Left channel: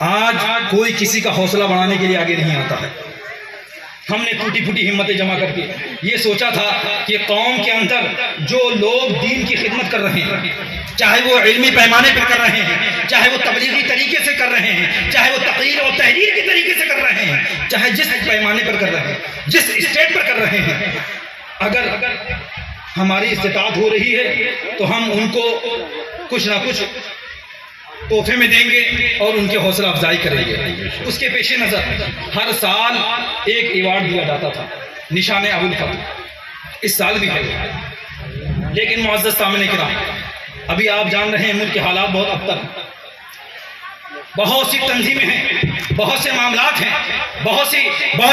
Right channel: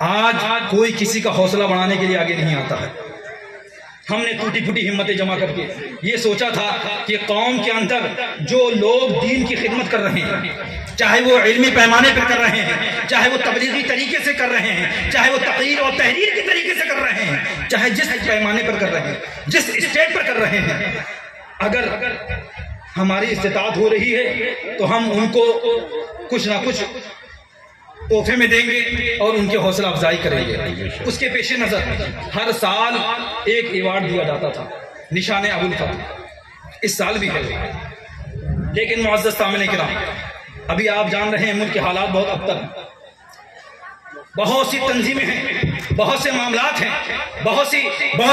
آج کوئی کسی کا حوصلہ بڑھانے کے لیے آگے نہیں آتا ہے. ہم نے ٹوٹی پھوٹی ہمتیں جمع کر کے یہ سوچا تھا کہ قوم کے اندر جو لوگ دین کی خدمت کر رہے ہیں، چاہے وہ علمی پیمانے پر کر رہے ہیں، چاہے وہ تبلیغی طریقے سے کر رہے ہیں، چاہے وہ تقریر اور تحریر کے طریقے سے کر رہے ہیں، چاہے جس پیمانے پر کر رہے ہیں، جس اسٹیٹ پر کر رہے ہیں، اگر ہماری استطاعت ہو رہی ہے تو ہم ان کو کچھ نہ کچھ تحفے میں دیں گے اور ان کی حوصلہ افزائی کریں گے. اس کے پیش نظر ہر سال ایک ایوارڈ دیا جاتا تھا، نشان ابوالفضل. اس سال بھی ہے. لیکن معزز سامعین کرام، ابھی آپ جان رہے ہیں ملک کے حالات بہت ابتر ہیں. بہت سی تنظیمیں ہیں، بہت سے معاملات ہیں، بہت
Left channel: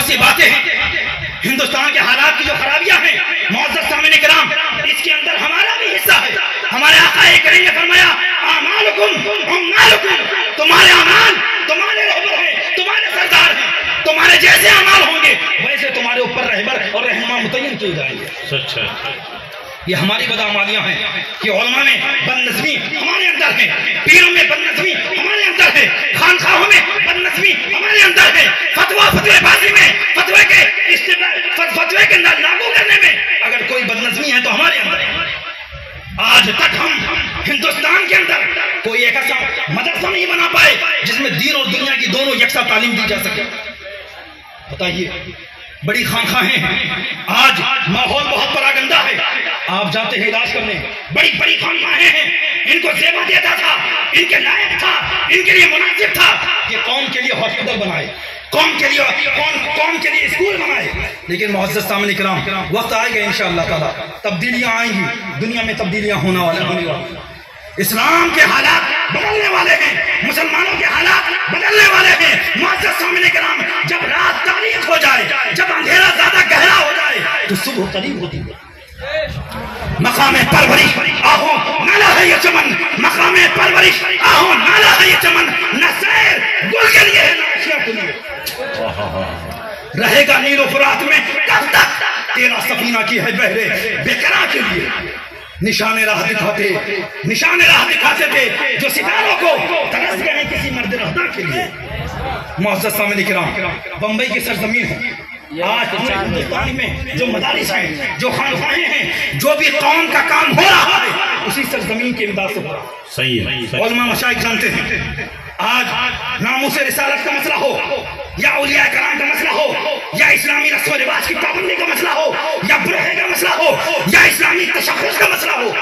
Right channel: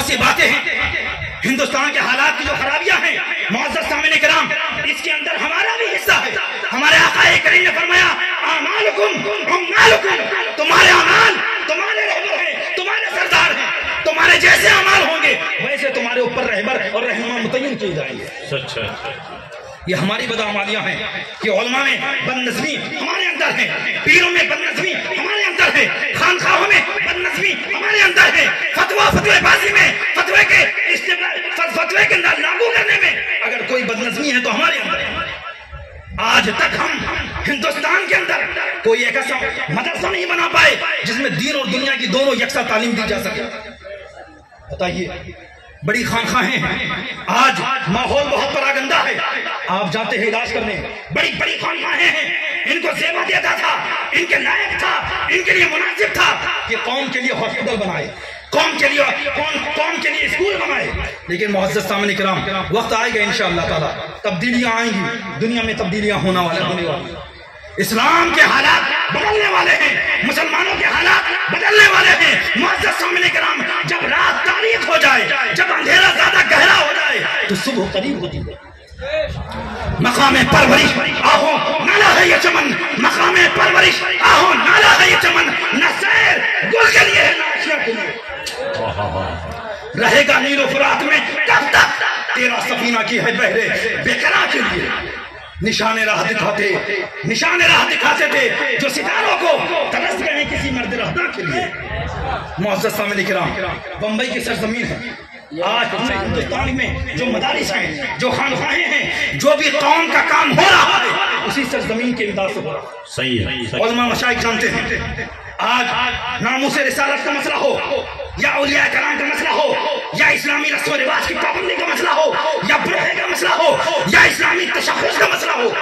سی باتیں ہیں. ہندوستان کے حالات کی جو خرابیاں ہیں معزز سامعین کرام، اس کے اندر ہمارا بھی حصہ ہے. ہمارے آقا کریم نے فرمایا اعمالکم اعمالکم، تمہارے اعمال تمہارے رہبر ہیں، تمہارے سردار ہیں. تمہارے جیسے اعمال ہوں گے ویسے تمہارے اوپر رہبر اور رہنما متعین کیے جائیں گے. سچ ہے. یہ ہماری بدعمالیاں ہیں کہ علماء میں بد نظمی ہمارے اندر ہے، پیروں میں بد نظمی ہمارے اندر ہے، خانقاہوں میں بد نظمی ہمارے اندر ہے، فتوے بازی میں فتوے کے لاگو کرنے میں اگر کوئی بد نظمی ہے تو ہمارے اندر ہے. آج تک ہم ہندوستان کے اندر کوئی ایک ایسا مدرسہ نہیں بنا پائے جس میں دین اور دنیا کی دونوں یکساں تعلیم دی جا سکے. بتائیے، بڑی خانقاہیں ہیں، آج ماحول بہت پراگندہ ہے. آپ جاتے ہیں علاج کرنے، بڑی بڑی خانقاہیں ہیں، ان کو زیبا دیتا تھا، ان کے لائق تھا، ان کے لیے مناسب تھا کہ قوم کے لیے ہاسپٹل بنائے، قوم کے لیے اسکول بنائے. لیکن معزز سامعین کرام، وقت آئے گا انشاءاللہ تعالی، تبدیلیاں آئیں گی، دنیا میں تبدیلیاں ہونے والی. اسلام کے حالات بدلنے والے ہیں، مسلمانوں کے حالات بدلنے والے ہیں. معزز سامعین کرام، جب رات تاریک ہو جائے، جب اندھیرا زیادہ گہرا ہو جائے تو صبح قریب ہوتی ہے. مقام پرورش آہو نالا ہے یہ چمن، مقام پرورش آہو نالا ہے یہ چمن، نہ سیر گل کے لیے ہے نہ اشیاء کے لیے. رہے گا نیل و فرات میں کب تک تیرا سفینہ کی ہے بہرے بےقرار کے لیے. نشان راہ دکھاتے تھے جو ستاروں کو ترس گئے کسی مرد رہدار کے لیے. معزز سامعین کرام، بمبئی کی سرزمین ہے. آج ہندوستان میں جو مدارس ہیں، جو خانقاہیں ہیں، جو بھی قوم کا کام ہو رہا ہے اسی سرزمین کے امداد سے ہو رہا ہے. صحیح ہے. علماء مشائخ جانتے ہیں، آج ناموس رسالت کا مسئلہ ہو یا اولیاء کرام کا مسئلہ ہو یا اسلامی رسم و رواج کی پابندی کا مسئلہ ہو یا برہے کا مسئلہ ہو یا اسلامی تشخص کا مسئلہ ہو،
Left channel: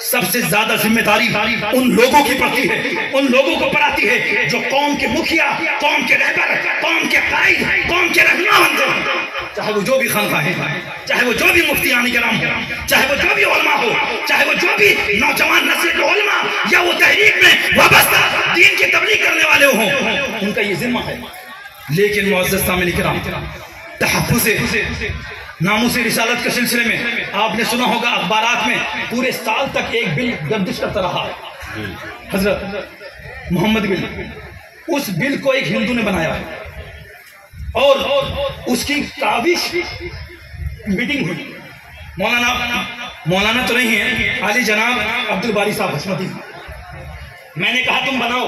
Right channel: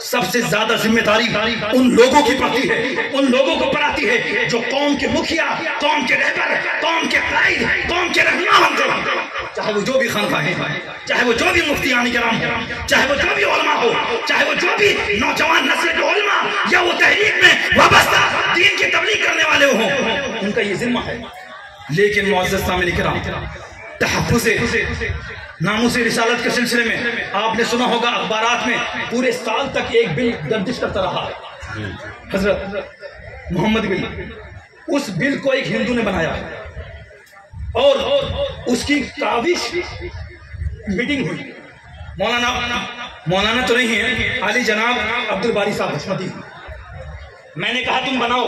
سب سے زیادہ ذمہ داری ان لوگوں کی پڑتی ہے، ان لوگوں کو پڑھاتی ہے جو قوم کے مکھیا، قوم کے رہبر، قوم کے قائد، قوم کے رہنما بنتے ہیں. چاہے وہ جو بھی خانقاہیں ہیں، چاہے وہ جو بھی مفتیان کرام ہو، چاہے وہ جو بھی علماء ہو، چاہے وہ جو بھی نوجوان نسل کے علماء یا وہ تحریک میں وابستہ دین کی تبلیغ کرنے والے ہوں، ان کا یہ ذمہ ہے. لیکن معزز سامعین کرام، تحفظ ناموس رسالت کے سلسلے میں آپ نے سنا ہوگا اخبارات میں پورے سال تک ایک بل گردش کرتا رہا، حضرت محمد بل. اس بل کو ایک ہندو نے بنایا اور اس کی کاوش میٹنگ ہوئی. مولانا تو نہیں ہے، عالی جناب عبدالباری صاحب حسمتی. میں نے کہا تم بناؤ،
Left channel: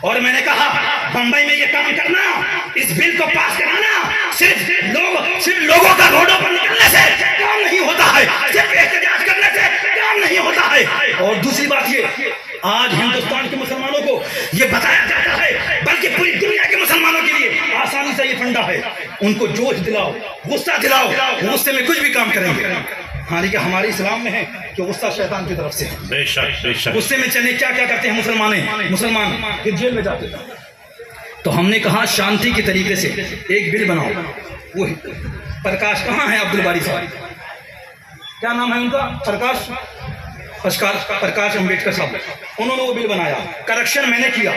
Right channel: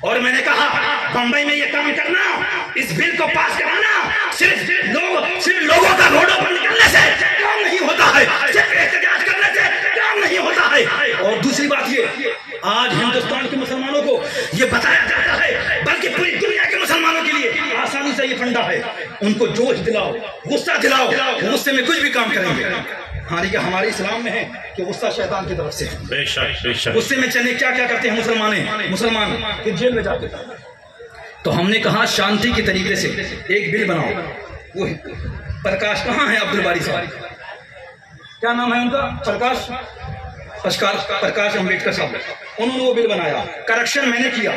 اور میں نے کہا بمبئی میں یہ کام کرنا، اس بل کو پاس کرانا صرف لوگوں کا روڈوں پر نکلنے سے کام نہیں ہوتا ہے، صرف احتجاج کرنے سے کام نہیں ہوتا ہے. اور دوسری بات یہ، آج ہندوستان کے مسلمانوں کو یہ بتایا جاتا ہے، بلکہ پوری دنیا کے مسلمانوں کے لیے آسانی سے یہ فنڈا ہے، ان کو جوش دلاؤ، غصہ دلاؤ، غصے میں کچھ بھی کام کریں گے. ہاں لیکن ہمارے اسلام میں ہے کہ غصہ شیطان کی طرف سے ہے. بے شک. غصے میں چلے کیا کرتے ہیں مسلمان پھر جیل میں جاتے ہیں. تو ہم نے کہا شانتی کے طریقے سے ایک بل بناؤ. وہ پرکاش کہاں ہے؟ عبدالباری صاحب، کیا نام ہے ان کا؟ پرکاش امبیڈکر صاحب. انہوں نے وہ بل بنایا، کریکشن میں نے کیا.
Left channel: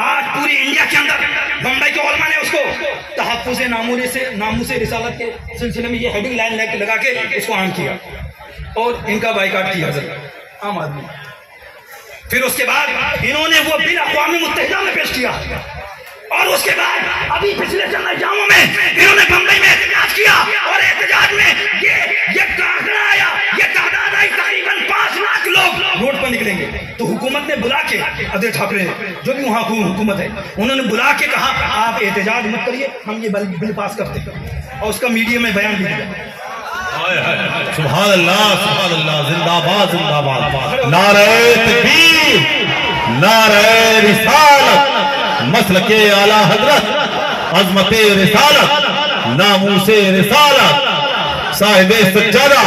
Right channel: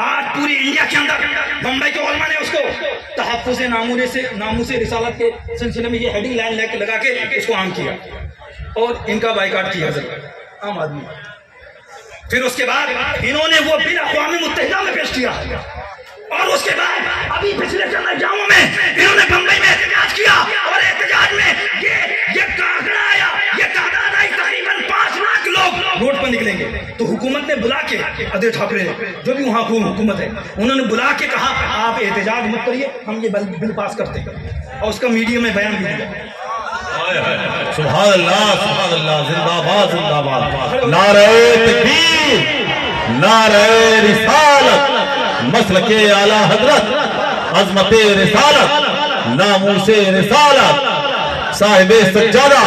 آج پوری انڈیا کے اندر بمبئی کے علماء نے اس کو تحفظ ناموس رسالت کے سلسلے میں یہ ہیڈنگ لائن لگا کے اس کو عام کیا اور ان کا بائیکاٹ کیا عام آدمی. پھر اس کے بعد انہوں نے وہ بل اقوام متحدہ میں پیش کیا اور اس کے بعد ابھی پچھلے چند ایام میں انہوں نے بمبئی میں احتجاج کیا اور احتجاج میں یہ آنکڑا آیا، یہ تعداد آئی تقریباً 5 لاکھ لوگ روڈ پر نکلیں گے. تو حکومت نے بلا کے ادے ٹھاکرے جو بھی وہاں حکومت ہے انہوں نے بلا کے کہا آپ احتجاج مت کریے، ہم یہ بل پاس کرتے ہیں، اور اس کا میڈیا میں بیان بھی دیا۔ سبحان اللہ سبحان اللہ، زندہ باد زندہ باد، نعرہ تکبیر، نعرہ رسالت، مسلک اعلی حضرت، عظمت رسالت، ناموس رسالت، صاحب سجادہ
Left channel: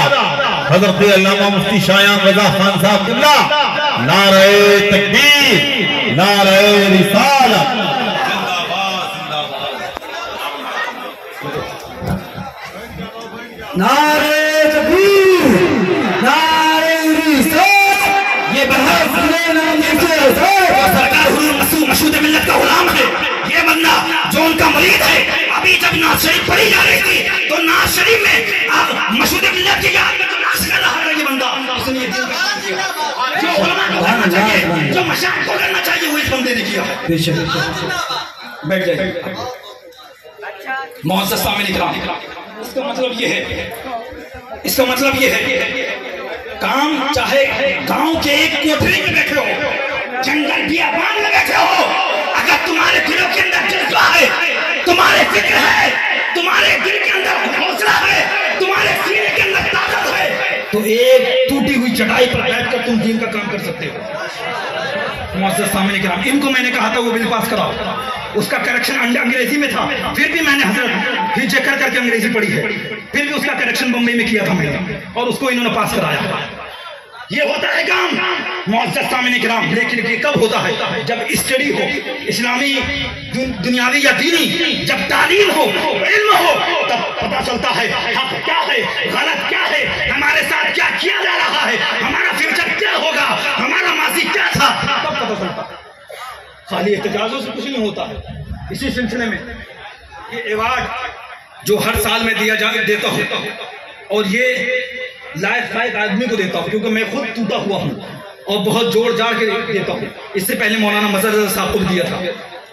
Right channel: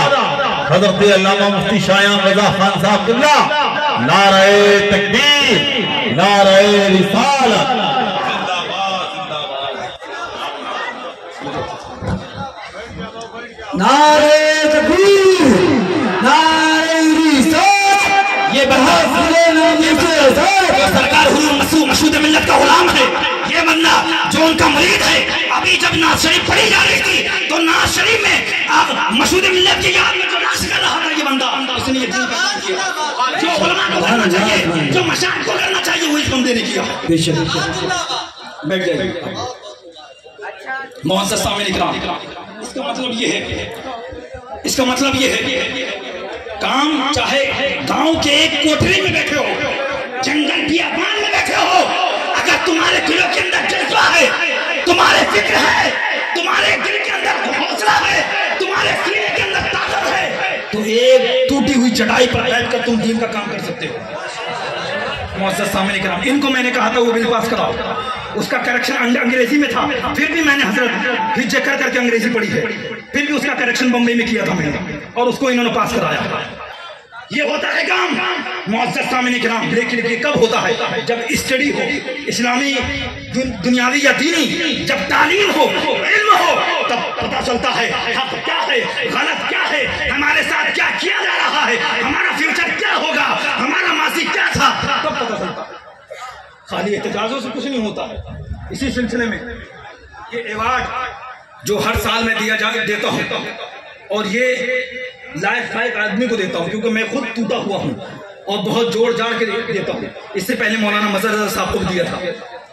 حضرت علامہ مفتی شایان رضا خان صاحب اللہ، نعرہ تکبیر، نعرہ رسالت، نعرہ تکبیر، نعرہ رسالت۔ یہ بہت سرکار مشہود ملت کا غلام ہے، یہ بندہ جو ان کا مرید ہے۔ ابھی جب ناز شریف پڑھی جا رہی تھی تو ناز شریف میں مشہود ملت کی یاد میں جو ناز کر رہا ہے یہ بندہ، اس نے یہ دین کا کام کیا۔ جو علماء کو کرنا چاہیے، جو مشائخ کو کرنا چاہیے، وہ اس بندے نے کیا ہے۔ بیٹھ جائیے معزز سامعین کرام، اس کا مطلب یہ ہے، اس کا مطلب یہ ہے کام چاہے گاؤں کے ایک کوٹری میں بیٹھے ہو، جنگل بیابان میں بیٹھے ہو، اگر تمہارے دلوں کے اندر جذبہ ہے، تمہارے فکر ہے، تمہارے دل کے اندر حوصلہ ہے، تمہارے سینے کے اندر طاقت ہے، تو ایک ٹوٹی ہوئی چٹائی پر بیٹھ کر تم دین کا کام کر سکتے ہو۔ معزز سامعین کرام، ان کو میں نے کہا تھا وہ بل پاس کراؤ، اس کا کریکشن انگریزی میں تھا، پھر بھی میں نے حضرت ہجے کر کر کے انگریزی پڑھی ہے، پھر بھی اس کا کریکشن بمبئی میں کیا تھا میں نے، اور اس کو انہوں نے پاس کرایا۔ یہ ہوتا ہے کام معزز سامعین کرام، لیکن یہ کب ہوتا ہے؟ جب اسٹڈی ہو، اسلامی دنیاوی یا دینی، جب تعلیم ہو، علم ہو، تب پتہ چلتا ہے حق کیا ہے، غلط کیا ہے، ہمارے ساتھ کیا کیا جا رہا ہے، ہمارا فیوچر کیا ہوگا، ہمارا ماضی کیا تھا، تب پتہ چلتا ہے۔ خالی احتجاجوں سے کچھ نہیں ہوتا ہے۔ اسی سلسلے میں یہ ایوارڈ جو ہر سال میں دیتا ہوں، اور یہ لائق آدمی کو دیتا ہوں کیونکہ میں خود ٹوٹا ہوا ہوں اور بہت جوڑ جاڑ کے دیتا ہوں۔ اس سے پہلے مولانا مظہر رضا صاحب کو بھی دیا تھا،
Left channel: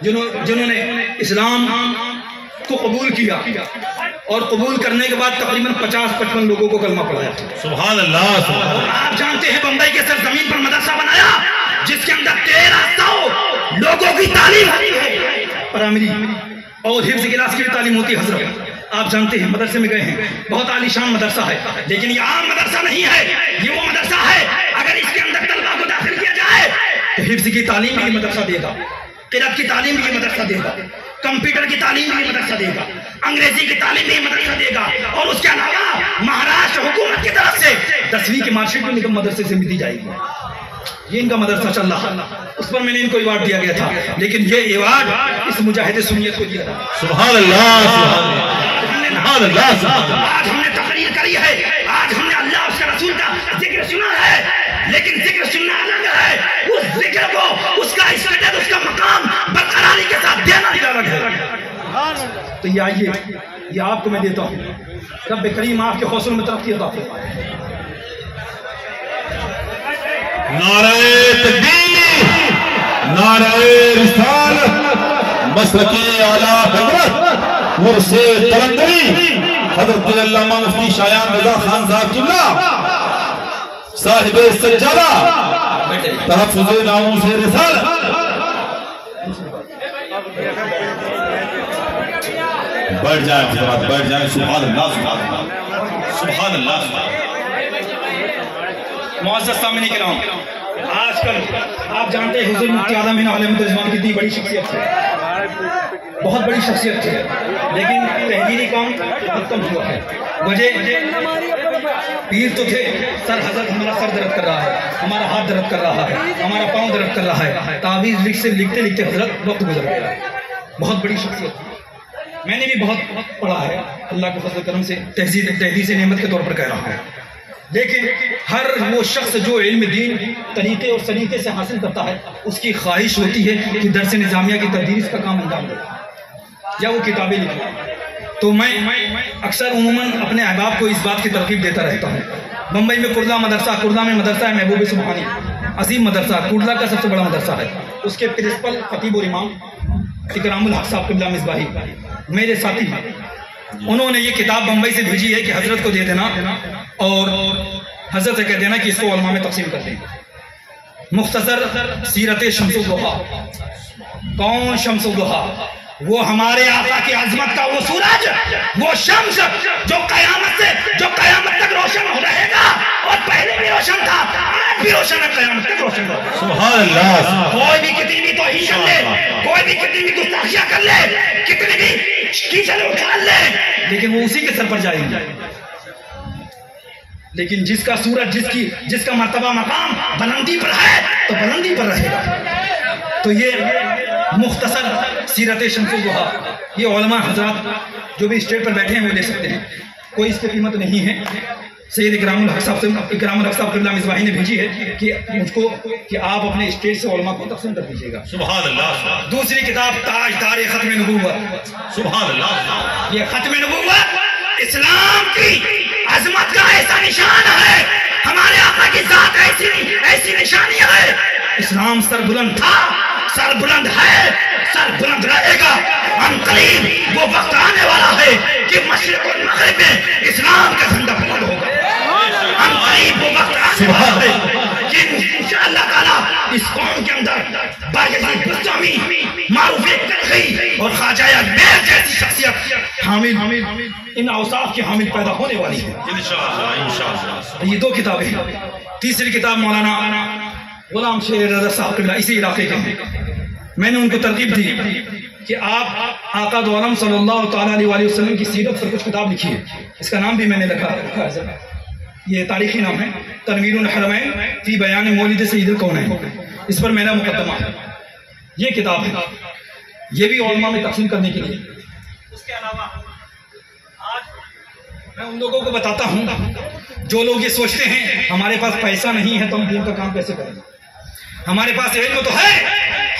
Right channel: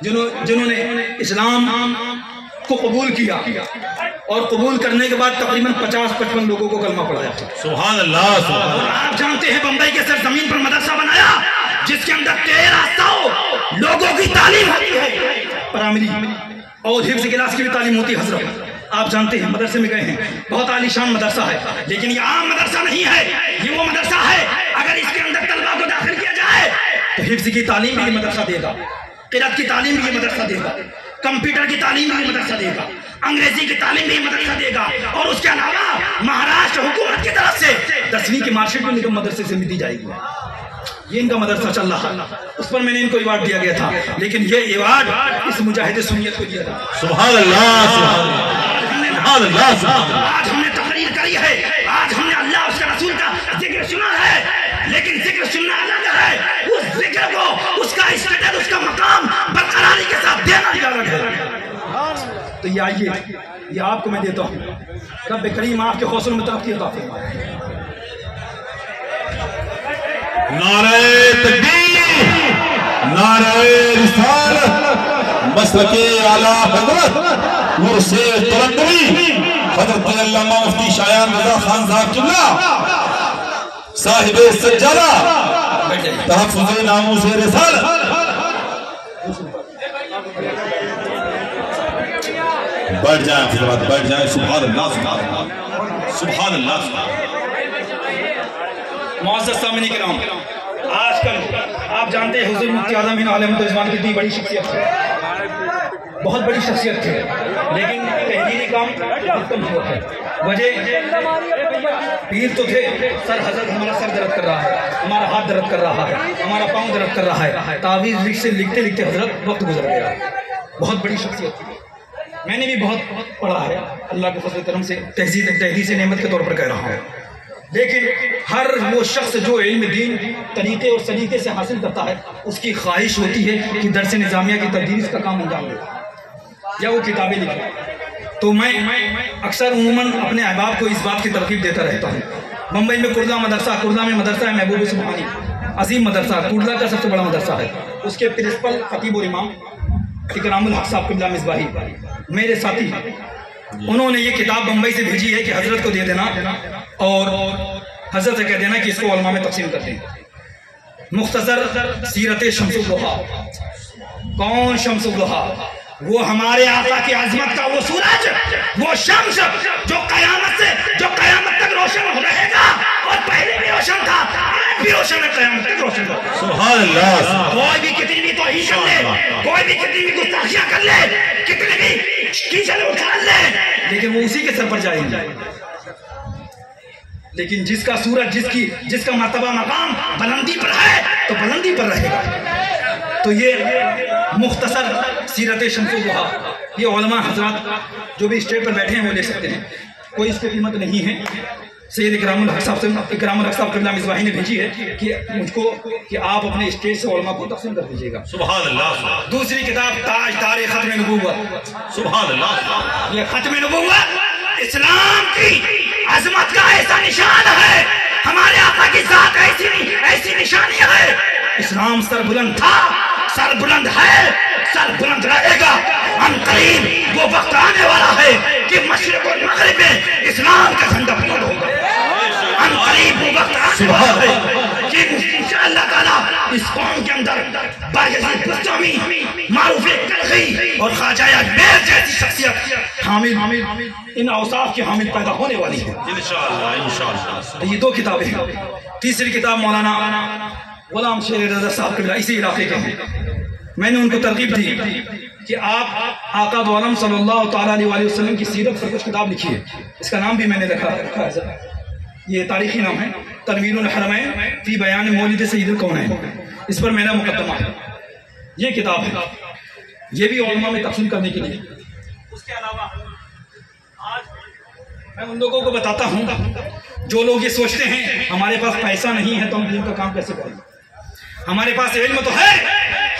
جنہوں نے اسلام کو قبول کیا، اور قبول کرنے کے بعد تقریباً 50-55 لوگوں کو کلمہ پڑھایا۔ سبحان اللہ سبحان اللہ۔ آپ جانتے ہیں بمبئی کے سرزمین پر مدرسہ بنایا جس کے اندر 1300 لوگوں کی تعلیم ہوتی ہے، پرائمری اور حفظ کلاس کی بھی تعلیم ہوتی ہے۔ حضرت آپ جانتے ہیں مدرسے میں گئے ہیں، بہت عالی شان مدرسہ ہے، لیکن یہ عام مدرسہ نہیں ہے، یہ وہ مدرسہ ہے اگر اس کے اندر طلبہ کو داخل کیا جائے تو حفظ کی تعلیم بھی یہ مدرسہ دے گا، قرأت کی تعلیم بھی یہ مدرسہ دے گا، کمپیوٹر کی تعلیم بھی یہ مدرسہ دے گا، انگریزی کی تعلیم بھی یہ مدرسہ دے گا، اور اس کے علاوہ مہاراشٹر حکومت کی طرف سے 10ویں کی مارک شیٹ بھی نگم مدرسے سے ملتی جائے گی۔ یہ ان کا مدرسہ چل رہا، اس پر میں نے ان کو ایوارڈ دیا گیا تھا، لیکن یہ ایوارڈ اس مجاہد سنیت کو دیا تھا۔ سبحان اللہ سبحان اللہ۔ آج ہم نے تقریر کری ہے، آج ہم نے اللہ اس کے رسول کا ذکر سنا ہے، لیکن ذکر سننا الگ ہے، اس ذکر کو اس کا اسٹیٹس، اس کا مقام برقراری کے ساتھ دینا بھی الگ ہے۔ تو یہ آئیے، یہ آپ کو میں دیتا ہوں، رب کریم آپ کے حوصلے میں ترقی عطا فرمائے۔ نعرہ تکبیر، نعرہ رسالت، مسلک اعلی حضرت مرشد قلندری حضرت علامہ مفتی شایان رضا خان صاحب اللہ، صاحب سجادہ، تحفظ ناموس رسالت۔ بیٹھ جائیں حضرات، بیٹھ جائیں۔ سبحان اللہ سبحان اللہ سبحان اللہ۔ معزز سامعین کرام، آج کل آپ جانتے ہیں حضور مفتی اعظم علیہ رضوان کتنی بڑی شخصیت ہے، بہت بڑی شخصیت ہے، لیکن تحریری کام ختم ہوا ہے۔ وجہ پیر تو تھے، سر حضرت ہمارا سر درد کر رہا ہے، ہمارا ہاتھ درد کر رہا ہے، ہمارا پاؤں درد کر رہا ہے، تعویذ لکھتے لکھتے حضرت وقت گزر گیا۔ بہت بڑی شخصیت تھی، میں نے بھی بہت پڑھا ہے، اللہ کے فضل کرم سے تحدیث نعمت کے طور پر کہہ رہا ہوں، لیکن ہر وہ شخص جو علم دین طریقے اور سلیقے سے حاصل کرتا ہے، اس کی خواہش ہوتی ہے کہ درس نظامیہ کی تدریس کا کام انجام دے یا وہ کتابیں لکھے۔ تو میں اکثر عموماً اپنے احباب کو اس بات کی ترغیب دیتا رہتا ہوں۔ ممبئی میں کرلا میں مدرسہ ہے محبوب سبحانی، عظیم مدرسہ، کرلا کا سب سے بڑا مدرسہ ہے، اس کے پرنسپل خطیب اور امام اکرام الحق صاحب قبلہ مصباحی میرے ساتھی ہیں۔ انہوں نے یہ کتاب بمبئی سے بھیجی ہے کہ حضرت کو دے دینا اور حضرت سے کہہ دینا کہ اس کو علماء میں تقسیم کر دیں۔ مختصر سیرت شمس الضحیٰ. کون شمس الضحیٰ؟ وہ ہمارے آقا کی عظمت کا وہ سورج، وہ شمس جو قیامت تک روشن ہو رہے گا، اور پہلے بھی روشن تھا، آج بھی روشن ہے، قیامت تک روشن تھا. سبحان اللہ. کوئی بھی کتنی بھی توہین کر لے، کوئی بھی کتنی بھی گستاخیاں کر لے، کتنی بھی کیچڑ اٹھا لے، لیکن وہ اسی کے سر پر جائیں گے. لیکن جس کا سورج، جس کا مرتبہ مقام بلندی پر ہے تو بلندی پر رہے گا. تو یہ مختصر سیرت شمس الضحیٰ. یہ علماء حضرات جو بھی اسٹیج پر بیٹھے ہیں وہ لے سکتے ہیں، کوئی اس کی قیمت نہیں ہے. سید اکرام الحق صاحب قبلہ مصباحی نے بھیجی ہے کہ مجھ کو کہ آپ اپنے اسٹیج سے علماء کو تقسیم کر دیجیے گا. سبحان اللہ. دوسری کتاب تاجدار ختم نبوت. سبحان اللہ. یہ ختم نبوت اسلام کی عظمت کا ایسا نشان ہے، ہمارے آقا کی ذات ایسی نشانی ہے. اسلام سر بلند تھا، سر بلند ہے، سر بلند رہے گا. ہم قریب وہ وقت آنے والا ہے کہ مشرق اور مغرب میں اسلام کا جھنڈا بلند ہوگا. ہم قریب وہ وقت آنے والا ہے کہ انشاءاللہ تعالیٰ اس قوم کے اندر باجزان بستامی، معروف کرخی اور خواجہ میر جیسی شخصیت حامل ان اوصاف کے حامل پیدا ہونے والی ہے انشاءاللہ. یہ دو کتابیں ہیں. تیسری کتاب مولانا غلام شیر رضا صاحب قبلہ اسی علاقے کے ہیں. میں نے ان کو ترغیب دی کہ آپ آقا دو عالم صلی اللہ تعالیٰ علیہ وسلم کی سیرت پر کچھ کتاب لکھی ہے. اس کا نام بھی میں نے رکھا ہے، یہ تاریخی نام ہے، تنویر الحرمین فی بیان مولد سید الکونین. اس پر میرا مقدمہ ہے. یہ کتاب ہے، یہ بھی علماء میں تقسیم کرنے کے لیے. اس کے علاوہ آج میں ان لوگوں کو بتاتا ہوں جو لوگ یہ سوچتے ہیں ہمارے پاس پیسہ نہیں ہے تو ہم دین کا کام کیسے کریں. ہمارے پاس علم تو ہے،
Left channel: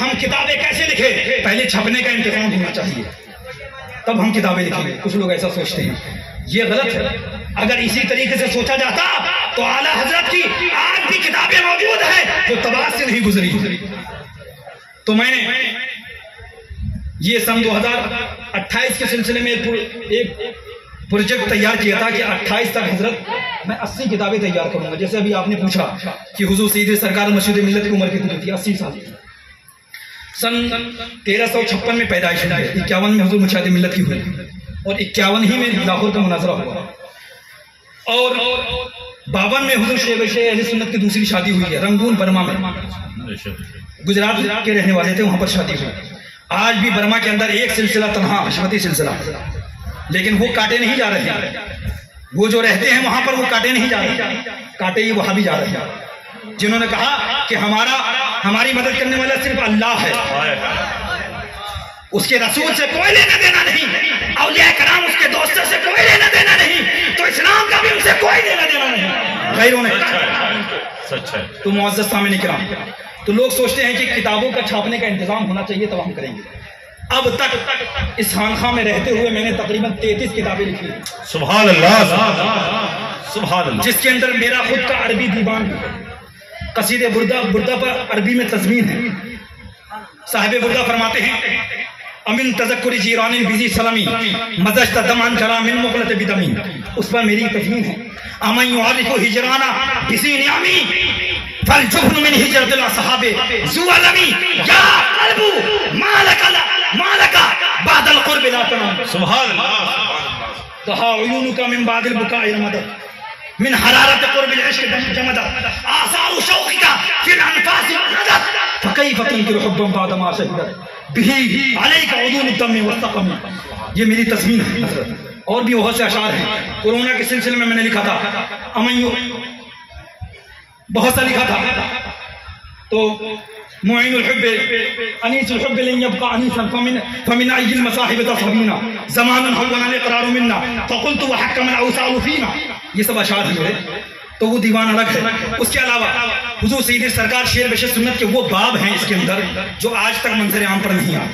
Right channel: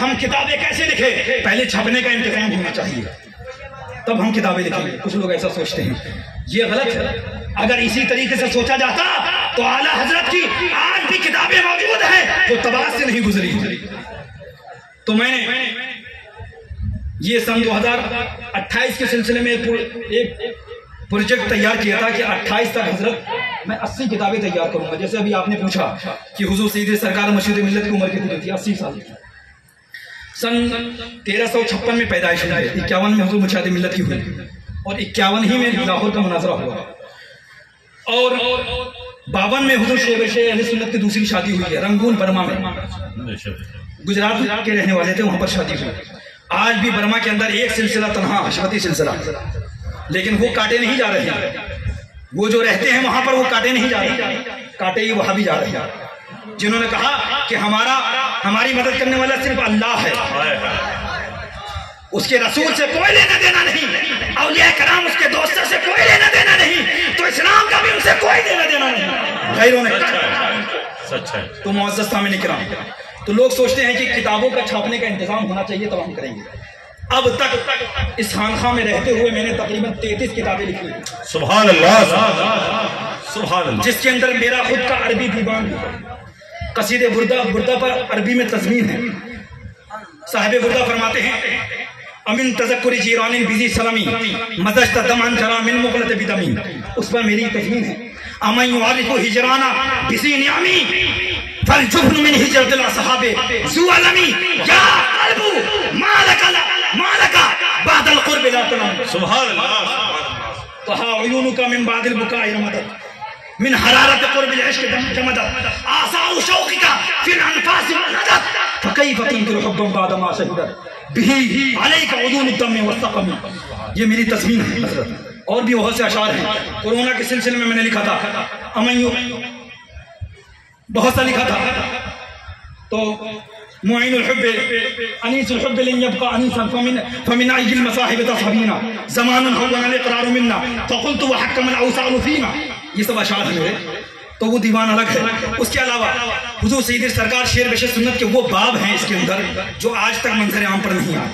ہم کتابیں کیسے لکھیں؟ پہلے چھپنے کا انتظام ہونا چاہیے، تب ہم کتابیں لکھیں گے. کچھ لوگ ایسا سوچتے ہیں، یہ غلط ہے. اگر اسی طریقے سے سوچا جاتا تو اعلیٰ حضرت کی آج بھی کتابیں موجود ہیں جو طباعت سے نہیں گزری. تو میں نے یہ سن 2028 کے سلسلے میں ایک پروجیکٹ تیار کیا تھا کہ 28 تک حضرت میں 80 کتابیں تیار کروں گا. جیسے ابھی آپ نے پوچھا کہ حضور سید سرکار مرشد ملت کی عمر کتنی تھی؟ 80 سال کی. سن 1356 میں پیدائش ہوئی، 51 میں حضور مرشد ملت کی ہوئی، اور 51 ہی میں لاہور کا مناظرہ ہوا، اور 52 میں حضور شیخ اہل سنت کی دوسری شادی ہوئی ہے رنگون برما میں. گجرات کے رہنے والے تھے، وہاں پر شادی ہوئی. آج بھی برما کے اندر ایک سلسلہ تنہا حشمتی سلسلہ، لیکن وہ کاٹے نہیں جا رہے. وہ جو رہتے ہیں وہاں پر وہ کاٹے نہیں جا رہے، کاٹے یہ وہاں بھی جا رہے ہیں، جنہوں نے کہا کہ ہماری مدد کرنے والا صرف اللہ ہے، اس کے رسول سے کوئی لینا دینا نہیں، اولیاء کرام اس کے دوستوں سے کوئی لینا دینا نہیں، تو اسلام کا بھی ان سے کوئی لینا دینا نہیں. غیروں نے سچ ہے. تو معزز سامعین کرام، تو لوگ سوچتے ہیں کہ کتابوں کا چھاپنے کا انتظام ہونا چاہیے تب ہم کریں گے. اب تک اس خانقاہ میں رہتے ہوئے میں نے تقریباً 33 کتابیں لکھی. سبحان اللہ. سبحان اللہ. جس کے اندر میرا خود کا عربی دیوان بھی ہے. قصیدے بردہ پر عربی میں تضمین ہے. صاحب بردہ فرماتے ہیں امن تذکر جیران بزی سلمی مزشت دمان جرا من مغلط بدمی. اس پر میری تضمین ہے امن یعرف ہجرانا بزی نعمی فالجبن من ہجرت الاصحاب ذو علمی یا قلب مالکا بعد القرب لا تنام. سبحان اللہ. کہا عیونک من بعد البکاء رمدت من حرارت قرب العشق جمدت آثار شوقک فی الانفاس وحدت فکیف تنکر حبا بعد ما شهدت به علیک عدول الدم والسقم. یہ میری تضمین ہے. اور بھی بہت سے اشعار ہیں. کورونا کے سلسلے میں نے لکھا تھا بہت سا لکھا تھا. تو معین الحب انیس الحب لن يبقى انیسا فمن عید المصاحب تصحبینا زمان حونا الاقرار منا فقلت وحكم الاوصال فينا. یہ سب اشعار ہیں. تو وہ دیوان الگ ہے. اس کے علاوہ حضور سید سرکار شیر بشر سنت کے وہ باب ہیں اس کے اندر جو آج تک منظر عام پر نہیں آئے.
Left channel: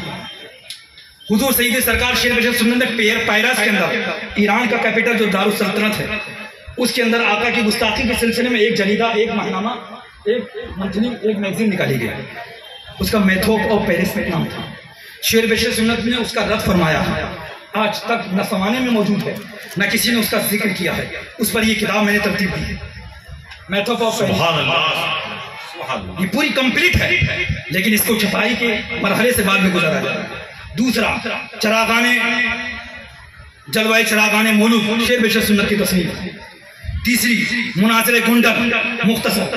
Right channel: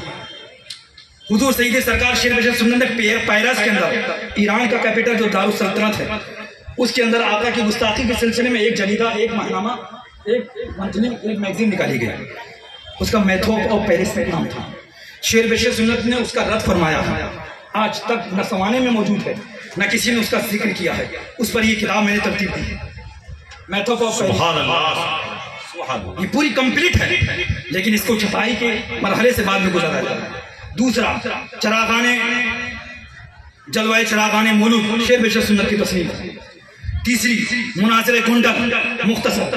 حضور سید سرکار شیر بشر سنت میں پیرس کے اندر ایران کا کیپٹل جو دارالسلطنت ہے اس کے اندر آقا کی گستاخی کے سلسلے میں ایک جریدہ، ایک ماہنامہ، ایک منتھلی، ایک میگزین نکالی گئی. اس کا میتھوپ اور پیرس کا نام تھا. شیر بشر سنت نے اس کا رد فرمایا ہے. آج تک نہ زمانے میں موجود ہے نہ کسی نے اس کا ذکر کیا ہے. اس پر یہ کتاب میں نے ترتیب دی. میتھوپ اور سبحان اللہ. یہ پوری کمپلیٹ ہے، لیکن اس کو چھپائی کے مرحلے سے بعد میں گزرا ہے۔ دوسرا چراغان جلوہ چراغان مولود شیر بشر سنت کی تصنیف۔ تیسری مناظر گونڈل مختصر،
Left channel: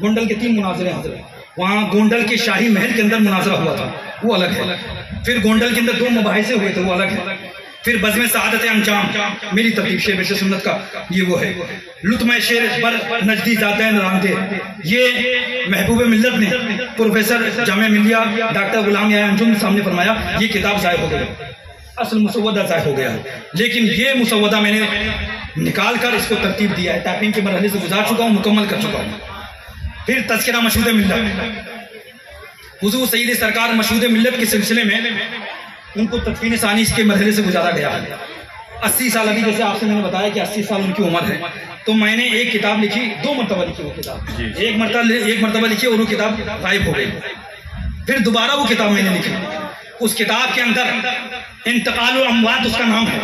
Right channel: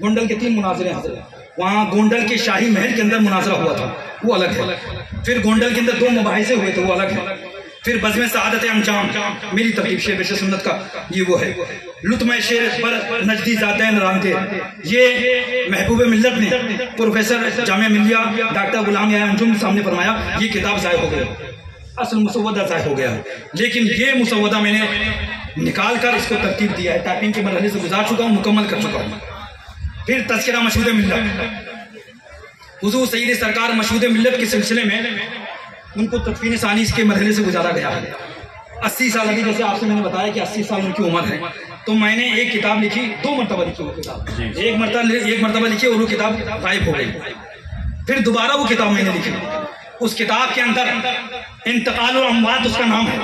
گونڈل کے 3 مناظرے حضرت، وہاں گونڈل کے شاہی محل کے اندر مناظرہ ہوا تھا، وہ الگ ہے۔ پھر گونڈل کے اندر 2 مباحثے ہوئے تھے، وہ الگ ہے۔ پھر بزم سعادت انجام میری ترتیب شیر بشر سنت کا یہ وہ ہے۔ لطمہ شیر پر نجدی ذاتین رامدے، یہ محبوب ملت نے پروفیسر جامعہ ملیہ ڈاکٹر غلام یا انجم سامنے فرمایا یہ کتاب ضائع ہو گئی، اصل مسودہ ضائع ہو گیا ہے، لیکن یہ مسودہ میں نے نکال کر اس کو ترتیب دیا ہے، ٹائپنگ کے مرحلے سے گزار چکا ہوں، مکمل کر چکا ہوں۔ پھر تذکرہ مشہود ملت، حضور سید سرکار مشہود ملت کے سلسلے میں ان کو تدفین ثانی کے مرحلے سے گزارا گیا ہے۔ 80 سال ابھی جیسے آپ سے میں نے بتایا کہ 80 سال ان کی عمر ہے، تو میں نے ایک کتاب لکھی، 2 مرتبہ لکھی وہ کتاب، ایک مرتبہ لکھی اور وہ کتاب غائب ہو گئی، پھر دوبارہ وہ کتاب میں نے لکھی۔ اس کتاب کے اندر انتقال الاموات اس کا نام ہے،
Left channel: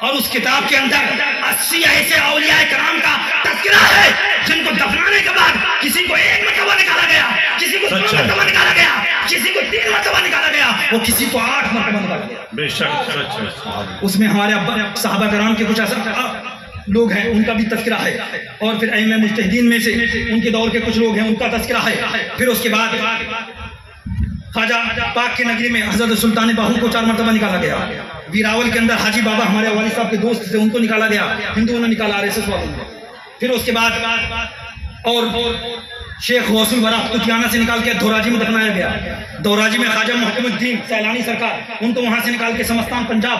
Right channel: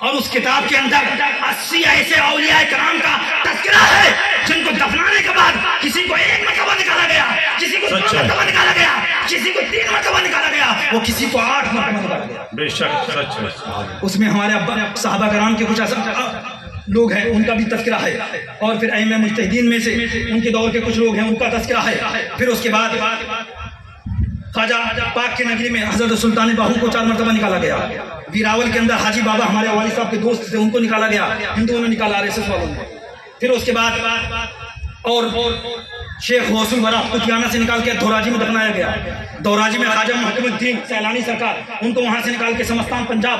اور اس کتاب کے اندر 80 ایسے اولیاء کرام کا تذکرہ ہے جن کو دفنانے کے بعد کسی کو 1 مرتبہ نکالا گیا، کسی کو 2 مرتبہ نکالا گیا، کسی کو 3 مرتبہ نکالا گیا، وہ کسی کو 8 مرتبہ نکالا گیا۔ بے شک اس میں ہمارے صحابہ کرام کے کچھ ایسا لوگ ہیں ان کا بھی تذکرہ ہے، اور پھر ائمہ مجتہدین میں سے ان کے دور کے کچھ لوگ ہیں ان کا تذکرہ ہے۔ پھر اس کے بعد خواجہ پاک کے نگری میں حضرت سلطان باہو کو 4 مرتبہ نکالا گیا، ویراول کے اندر حاجی بابا ہمارے والد صاحب کے دوست تھے ان کو نکالا گیا، ہندوؤں نے نکالا RSS والوں نے۔ پھر اس کے بعد اور شیخ غوث الورا کتیانہ سے نکال کے دھوراجی میں دفنایا گیا، دھوراجی میں خواجہ محکم الدین سیلانی سرکار ان کو وہاں سے نکال کے سمستان پنجاب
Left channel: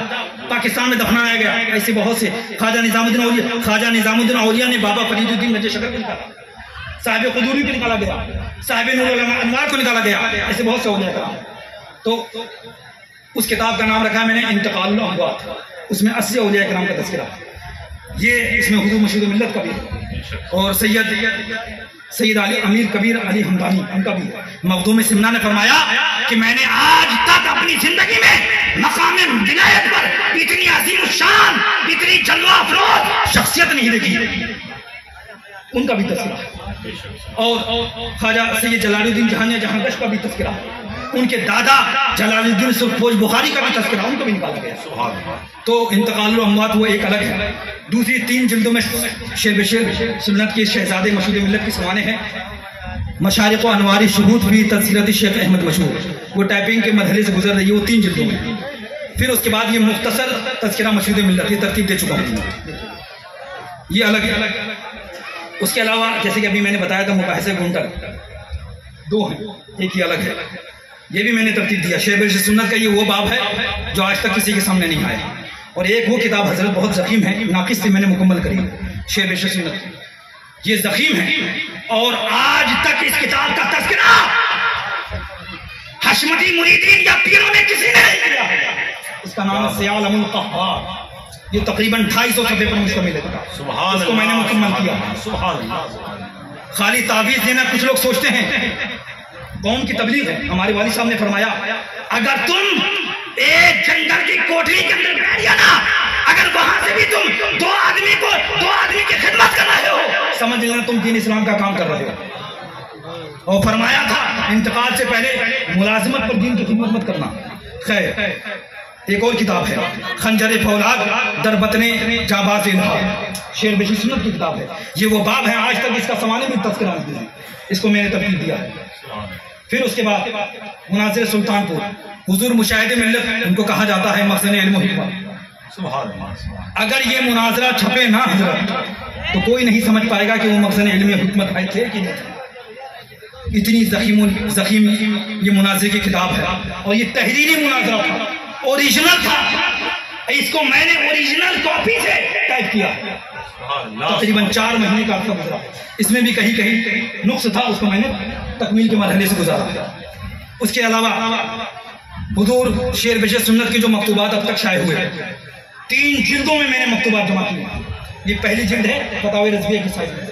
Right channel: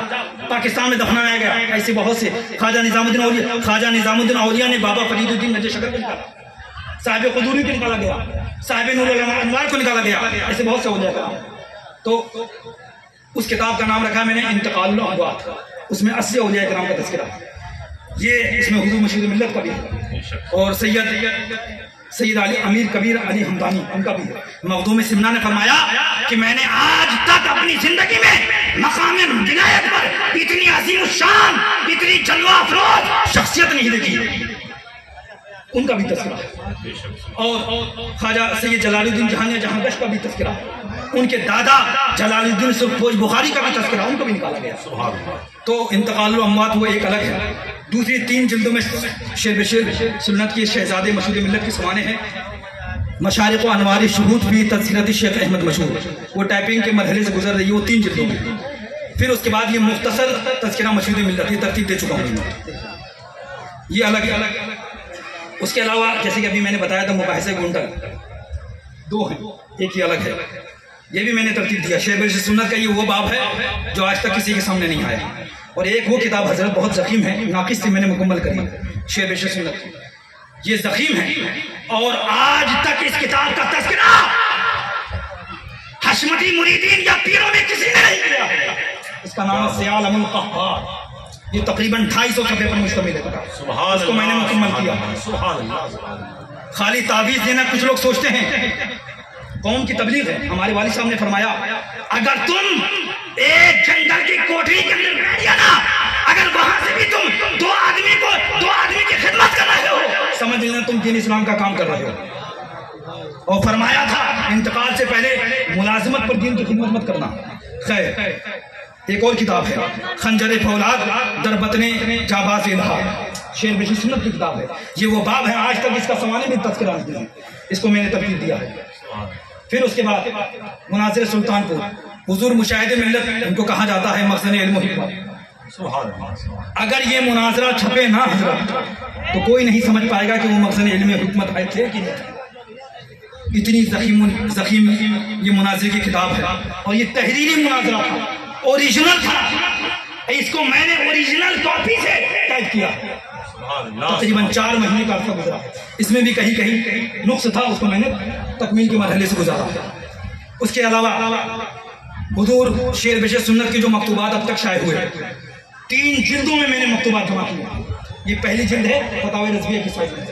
پاکستان میں دفنایا گیا۔ ایسے بہت سے خواجہ نظام الدین اولیاء نے بابا فرید الدین مجہ شکر کو نکالا، صاحب قدوری کو نکالا گیا، صاحب نور العلماء انوار کو نکالا گیا، ایسے بہت سے اولیاء کرام۔ تو اس کتاب کا نام رکھا میں نے انتقال الاموات، اس میں 80 اولیاء کرام کا تذکرہ، یہ اس میں حضور مشہود ملت کا بھی ہے، اور سید علی امیر کبیر علی ہمدانی ان کا بھی ہے۔ مخدوم سمنا نے فرمایا کہ میں نے آج تک اپنی زندگی میں مقام ولایت پر اتنی عظیم الشان، اتنی جلوہ افروز شخصیت نہیں دیکھی، ان کا بھی تذکرہ۔ اور خواجہ سید جلال الدین جہانیہ جہاں گش کا بھی تذکرہ، ان کے دادا جلال الدین سرخپوش بخاری کا بھی تذکرہ، ان کو بھی نکالا گیا۔ تو انتقال الاموات وہ ایک الگ ہے۔ دوسری 3 جلدوں میں شیر بشیر سنت کے شہزادے مشہود ملت کے سوانے ہیں، مشارق و انوار شہود بھی تذکرت شیخ احمد مشہور، وہ ٹائپنگ کے مرحلے سے گزر رہی ہے، وہ 3 جلدوں میں۔ پھر اس کے بعد یہ مختصر تذکرہ مشہود ملت، یہ ترتیب دے چکا ہوں، یہ الگ ہے۔ اس کے علاوہ جیسے کہ ابھی میں نے بتایا تھا مباحثے گونڈل 2 ہیں، ایک یہ الگ ہے، یہ بھی میں نے ترتیب دیا۔ شیر بشیر سنت کا یہ وہ باب ہے جو آج تک کسی کے سامنے نہیں آیا، اور ایک وہ کتاب حضرت بہت ضخیم ہے، ناقص تھی، میں نے مکمل کری، شیر بشیر سنت، یہ ضخیم ہے، اور آج تک اس کتاب کا تذکرہ حشمتی مریدین یا پیروں میں کسی نے نہیں کیا۔ اس کا نام ہے سیالم القہار، یہ تقریباً 250 صفحے پر مشتمل ہے، اس کو میں نے مکمل کیا۔ خالی تعویذ دینا، کچھ لوگ سوچتے ہیں قوم کی تبلیغ ہے، ہمارے والد صاحب نے فرمایا اگر تم ایک جنگل کی کوٹری کے اندر بیٹھ گیا نا، اگر وہاں سے بھی تم 2 آدمی کی خدمت کر رہے ہو، سمجھ لینا تم دین اسلام کا کام کر رہے ہو۔ اور فرمایا تھا انتقال سے پہلے ملازمت پر دین کی خدمت مت کرنا۔ خیر ایک اور کتاب ہے خنجر فولاد در بطن جاباز الہا، شیر بشیر سنت کی کتاب ہے، یہ وہ باب ہے آج تک اس کا سوانے بھی تذکرہ نہیں ہے، اس کو میں نے ترتیب دیا ہے۔ پھر اس کے بعد مناظر سلطان پور، حضور مشاہد ملت ان کو کہا جاتا ہے مخزن علم و حکمت۔ اگر یہ مناظرہ چھپے نہ حضرت تو کوئی نہیں سمجھ پائے گا کہ وہ مخزن علم و حکمت ہے تھے کہ نہیں تھے۔ اتنی ضخیم یہ مناظر کی کتاب ہے، اور یہ تحریری مناظرہ تھا، اوریجنل تھا، اس کو میں نے اوریجنل کاپی سے ٹائپ کیا، تقریباً 4 مہینے کا عرصہ گزرا، اس میں بھی کہیں نقص تھا، اس کو میں نے تکمیل کے مرحلے سے گزارا۔ اس کے علاوہ حضور شیر بشیر سنت کے جو مکتوبات اب تک شائع ہوئے 3 جلدوں میں نے مکتوبات جمع کیا، یہ پہلی جلد ہے فتاوی رضویہ کی سائز میں،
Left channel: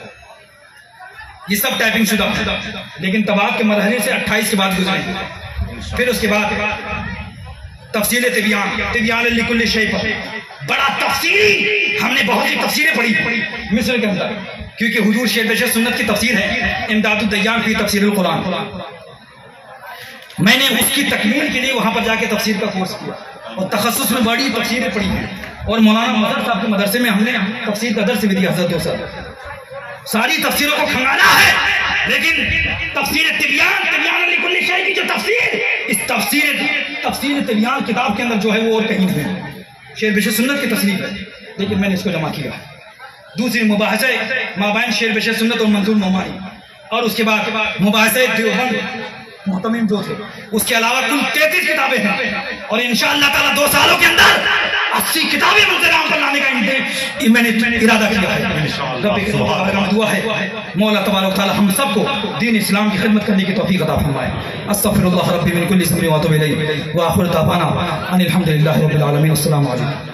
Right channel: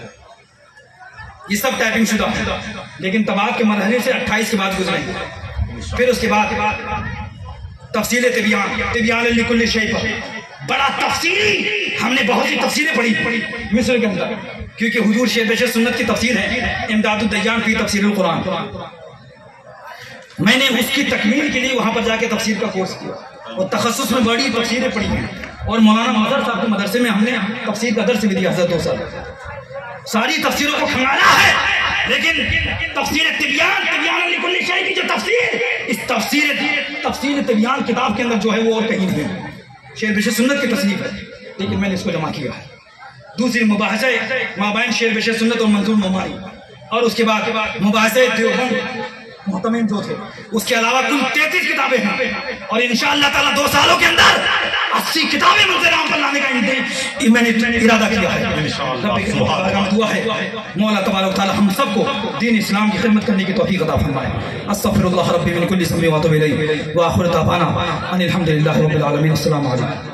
یہ سب ٹائپنگ شدہ ہے، لیکن طباعت کے مرحلے سے 28 کے بعد گزرے۔ پھر اس کے بعد تفصیل طبیان لکل شیء پر بڑا تفصیلی، ہم نے بہت سی تفصیلیں پڑھی مصر کے اندر، کیونکہ حضور شیخ بشر سنت کی تفسیر ہے امداد الدیان فی تفسیر القرآن، میں نے اس کی تکمیل کے لیے وہاں پر جا کے تفسیر کا کورس کیا اور تخصص میں بڑی تفسیریں پڑھی ہیں، اور مولانا مظہر صاحب کے مدرسے میں ہم نے تفسیر کا درس بھی دیا حضرت 2 سال، ساری تفسیروں کو پھنگانا ہے، لیکن تفسیر تبیان لکل شیء کی جو تفسیر، اس تفسیر تبیان کتاب کے اندر جو ہے وہ اور کہیں نہیں ہے، شیخ بشر سنت کی تصنیف ہے، لیکن میں نے اس کو جمع کیا۔ دوسری مباحثہ مابین شیخ بشر سنت اور منظور نعمانی، اور اس کے بعد مباحثہ دیوبند محتمم جو تھے، اس کے علاوہ کل 33 کتابیں ہیں، اور انشاءاللہ تعالیٰ 2 سالوں کے اندر 80 کتابیں منظر عام پر لانے کا میں نے ارادہ کیا ہے۔ دعا ہے مولا تبارک تعالیٰ ہم سب کو دین اسلام کی خدمت کرنے کی توفیق عطا فرمائے۔ استغفر اللہ ربی من کل اسم و اتوب الیہ، وآخر دعوانا ان الحمد للہ رب العالمین۔ السلام علیکم۔